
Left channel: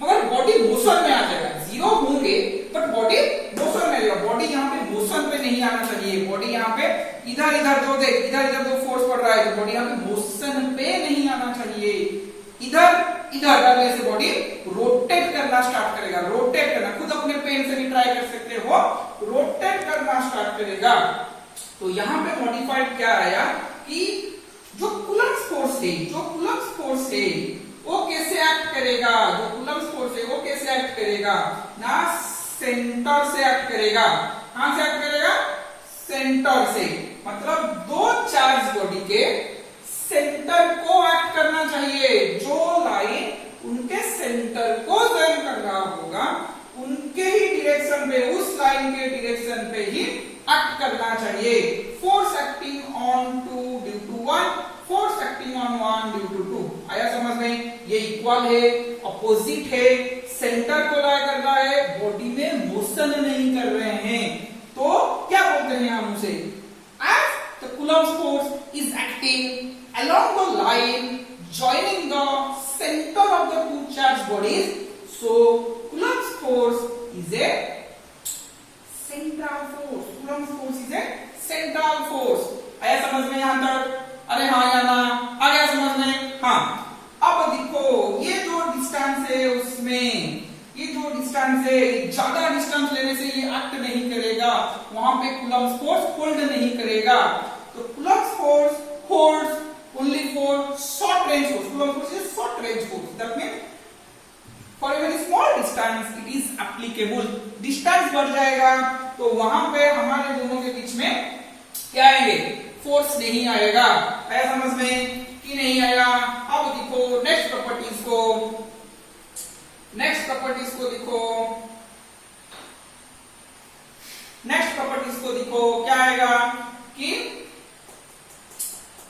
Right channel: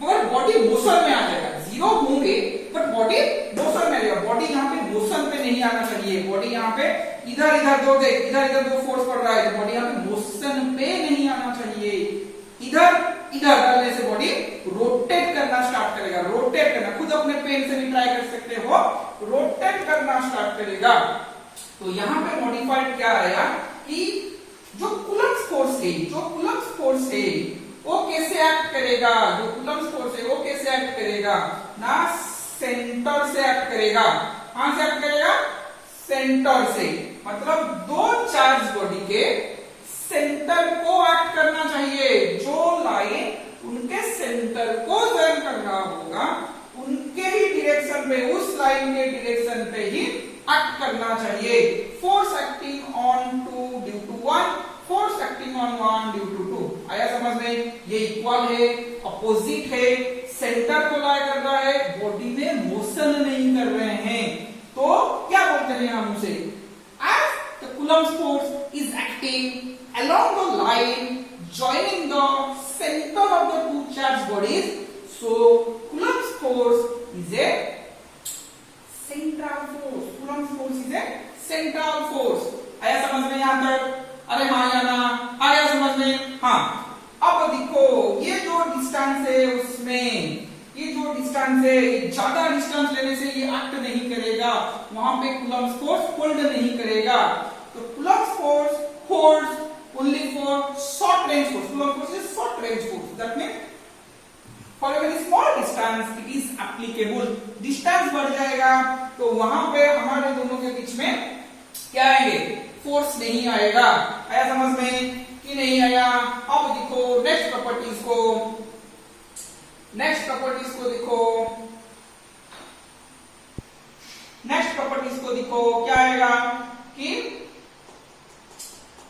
मगर बॉडी मोशन में आ जाएगा, 0 होंगे बट बॉडी मोशन में आएगा। बॉडी यहाँ पे मोशन पे नहीं आना चाहिए, बॉडी यहाँ पे इधर दो देख, इधर दो फोर्स पड़ रहा है, तो बॉडी यहाँ पे मोशन पे नहीं आना चाहिए। इधर डालने से बॉडी रोटेट करना स्टार्ट करेगा, रोटेट करना, खुद अपने पेन से भी ट्राई कर सकते हो, रोटेट करना स्टार्ट करेगा। तो यहाँ पे मॉडिफाइड क्या आया कि जो कूलम्ब फोर्स है वो कैसे एक्ट करेगा, जो कूलम्ब फोर्स है वो कैसे एक्ट करेगा ना, सेंटर से एक्ट करेगा। कहां से एक्ट करेगा? सेंटर से, मतलब दो चार्ज बॉडी के सेंटर को एक्ट करना चाहिए। जो लाइन उनके सेंटर को जॉइन कर रहा होगा उनके ही डायरेक्शन पे, उस लाइन के डायरेक्शन पे ही एक्ट करना चाहिए। Force acting on 2 due to 1, force acting on 1 due to 2। आया समझ में? ये इक्वल है, अपोजिट है, सेंटर को ला कर रहा है, बॉडी में मोशन नहीं कर रहे हैं, तो क्या बोलते हैं हम उसे, as the coulomb force is acting along the line joining the center of the two charged bodies, so Coulomb's force is a central force. Coulomb's force is a central force. आया समझ में यहाँ तक? अरे हाँ या ना? आया समझ में? हाँ। अब देखो ये जो डिस्टेंस है उसमें, ये जो डिस्टेंस है, ज्यादा डिस्टेंस लेने से ये एक्ट नहीं करेगा, वहां पे Coulomb's force होल्ड नहीं करेगा। तो Coulomb's force holds only for short range force. Coulomb force is short range force. That means for a very small distance it is applicable. Distance बढ़ जाएगा तो वहां पे हमारे दोनों के बीच में क्या आएंगे? फोर्स नहीं आएगा। आया समझ में कि नहीं आया? अब देखो नेक्स्ट प्रॉपर्टीज को, नेक्स्ट प्रॉपर्टीज को देखो, नेक्स्ट प्रॉपर्टीज को देखो क्या आएगा कि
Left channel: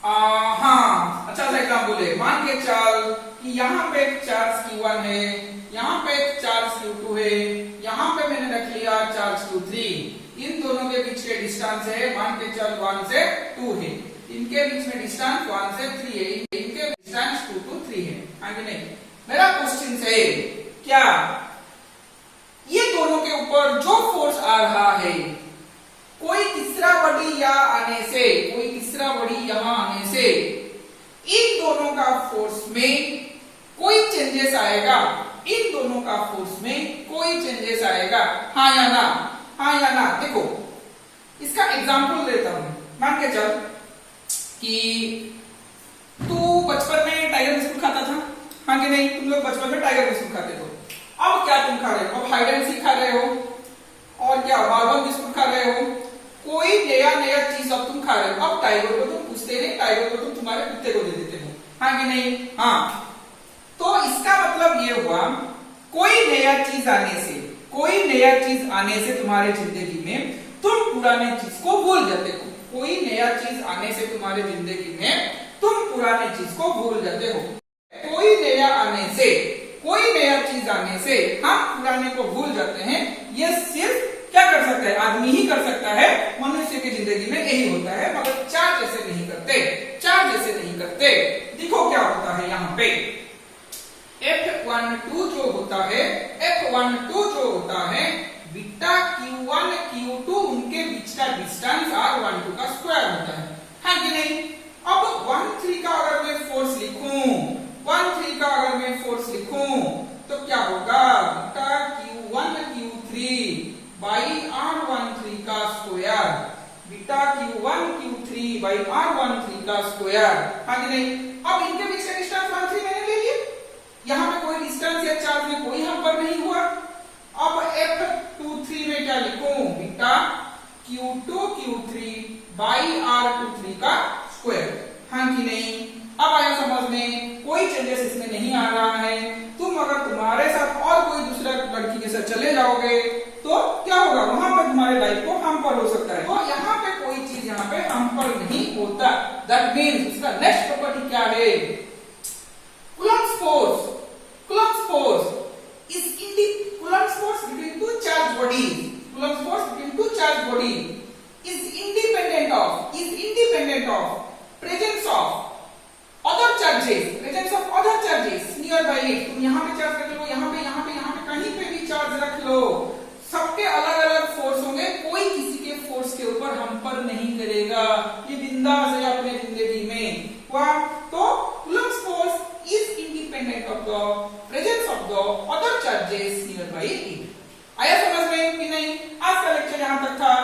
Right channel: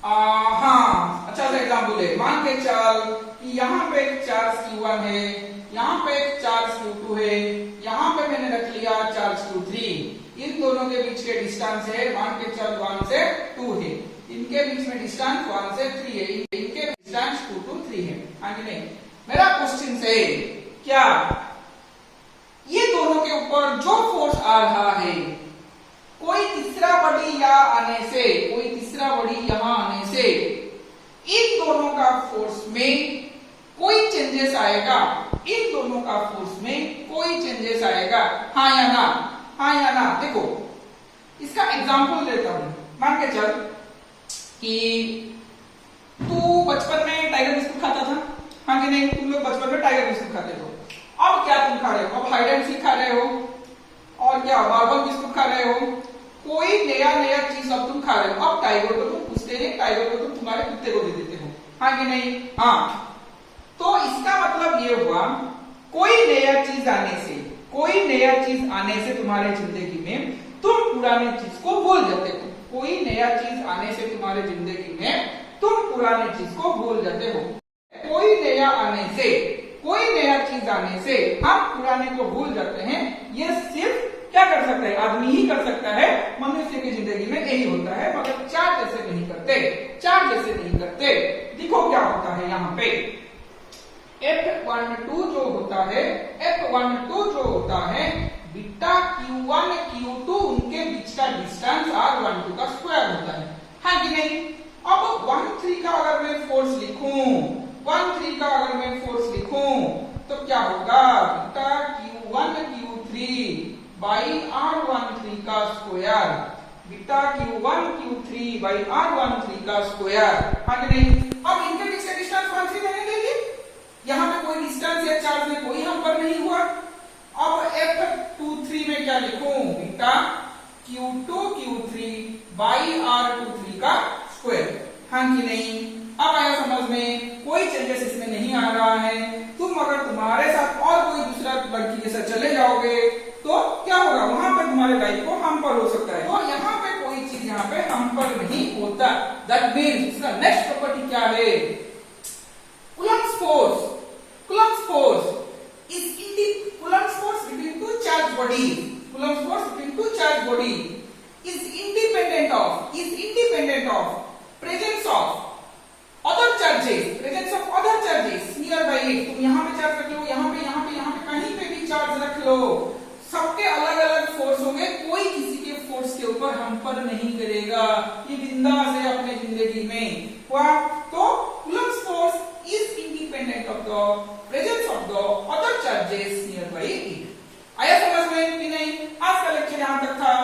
हाँ अच्छा सा एग्जाम्पल है। मान के चल कि यहाँ पे एक चार्ज Q1 है, यहाँ पे एक चार्ज Q2 है, यहाँ पे मैंने रख लिया चार्ज Q3। इन दोनों के बीच के डिस्टेंस है मान के चल 1 से 2 है, इनके बीच में डिस्टेंस 1 से 3 है, इनके डिस्टेंस 2 to 3 है। आगे नहीं, मेरा क्वेश्चन है क्या ये दोनों के ऊपर जो फोर्स आ रहा है, कोई तीसरा बॉडी यहाँ आने से, कोई तीसरा बॉडी यहाँ आने से इन दोनों का फोर्स में कोई चेंजेस आएगा? इन दोनों का फोर्स में कोई चेंजेस आएगा? हाँ या ना? हाँ या ना? देखो इसका एग्जांपल देता हूं। मान के चल कि तू बचपन में टाइगर बिस्कुट खाता था, हाँ कि नहीं? तुम लोग बचपन में टाइगर बिस्कुट खाते हो। अब क्या तुम खा रहे हो? अब हाइड एंड सीक खा रहे हो, और क्या बार्बल बिस्कुट खा रहे हो, कोई नया नया चीज अब तुम खा रहे हो। अब टाइगर को तुम पूछते नहीं, टाइगर को तुम तुम्हारे कुत्ते को दे देते हो, हाँ कि नहीं? हाँ। तो इसका मतलब ये हुआ कोई नया चीज आने से, कोई नया चीज आने से तुम्हारे जिंदगी में तुम पुराने चीज को भूल जाते हो। कोई नया चीज आने से तुम्हारे जिंदगी में तुम पुराने चीज को भूल जाते हो। कोई नया चीज आने से हम पुराने को भूल जाते हैं। ये सिर्फ क्या कर सकता है? आदमी ही कर सकता है। मनुष्य की जिंदगी में यही होता है, मगर चार जैसे नहीं करते। देखो क्या होता है यहाँ पे। F12 जो होता है बीटा Q1 Q2 उनके बीच का डिस्टेंस R12 का स्क्वायर होता है कि नहीं? अब 1-3 का अगर मैं फोर्स लिखूं तो क्या होगा? Beta Q1 Q3 by R13 का square. Beta Q1 Q3 by R13 का स्क्वायर कि नहीं? अब इनके बीच का डिस्टेंस 1-3 मैंने ले लिया। यहाँ पे कोई डिस्टेंस या चार्ज में कोई हम पर नहीं हुआ। अब F23 में क्या लिखूं? Beta Q2 Q3 by R23 का स्क्वायर कि नहीं? अब आया समझ में? कोई चेंजेस इसमें नहीं आ रहा है। तुम अगर तुम्हारे साथ और कोई दूसरा लड़की के साथ चले जाओगे तो क्या होगा? वहां पर तुम्हारे लाइफ को हम पर हो सकता है। तो यहाँ पे कोई चीज यहाँ पे हम पर नहीं होता। दैट मीन्स इसका नेक्स्ट प्रॉपर्टी क्या है? Coulomb's force between two charged bodies. Coulomb's force between two charged bodies is independent of presence of other charges nearby it. तुम यहाँ पे चार्ज रख लो, यहाँ पे कहीं पे भी चार्ज रख लो, सबके अलग अलग फोर्स होंगे। कोई किसी के फोर्स के ऊपर हम पर नहीं करेगा। ये बिंदास है अपने जिंदगी में। तो Coulomb's force is independent of the presence of the other charges nearby it. आया समझ में कि नहीं? आज का लेक्चर यहाँ तक था।